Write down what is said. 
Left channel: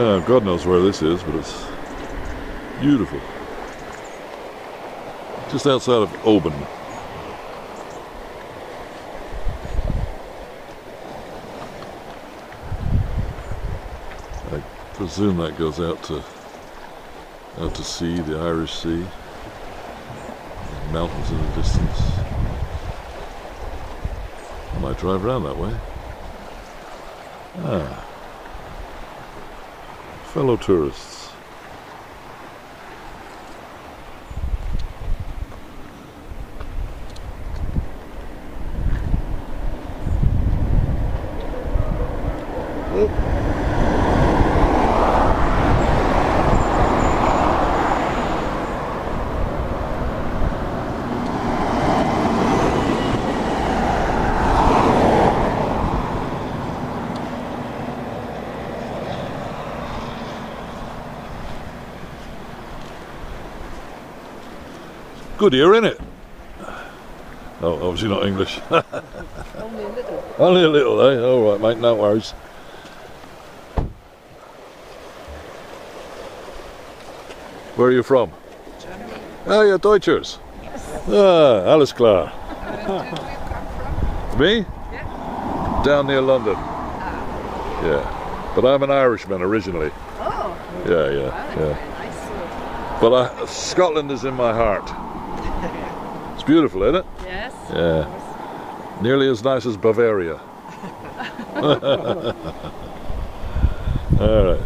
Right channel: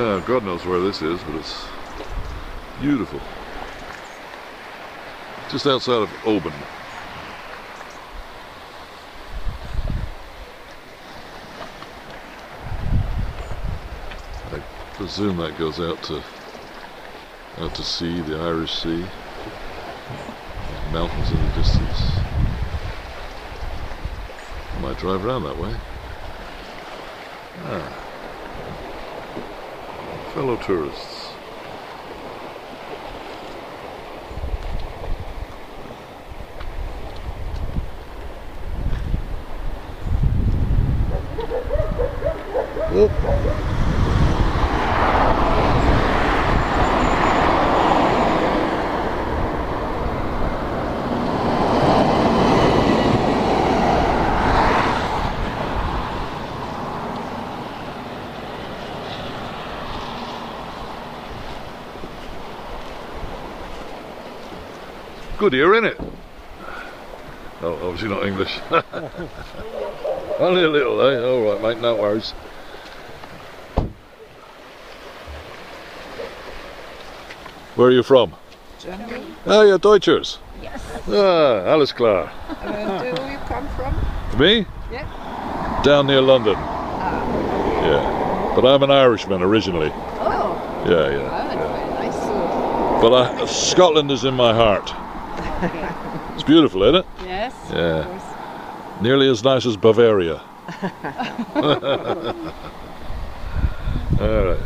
God knows where this is, but it's beautiful. Just outside of Oban. I presume that goes out to sea, the Irish Sea. Mountains in the distance. I might drive around that way. Ah. Fellow tourists. Whoop. Good ear, innit? Oh, obviously not English. Only a little, eh? All right, mate, no worries. Where are you from? Germany. Ah, you're Deutschers. Yes. Ah, alles klar. Where do you come from? Me? Yeah. Down near London. Ah. Yeah. But I'm an Irishman originally. Oh. Yeah. I see. But Scotland is in my heart. It's beautiful, isn't it? Yes. Yeah. Nearly as nice as Bavaria. All right.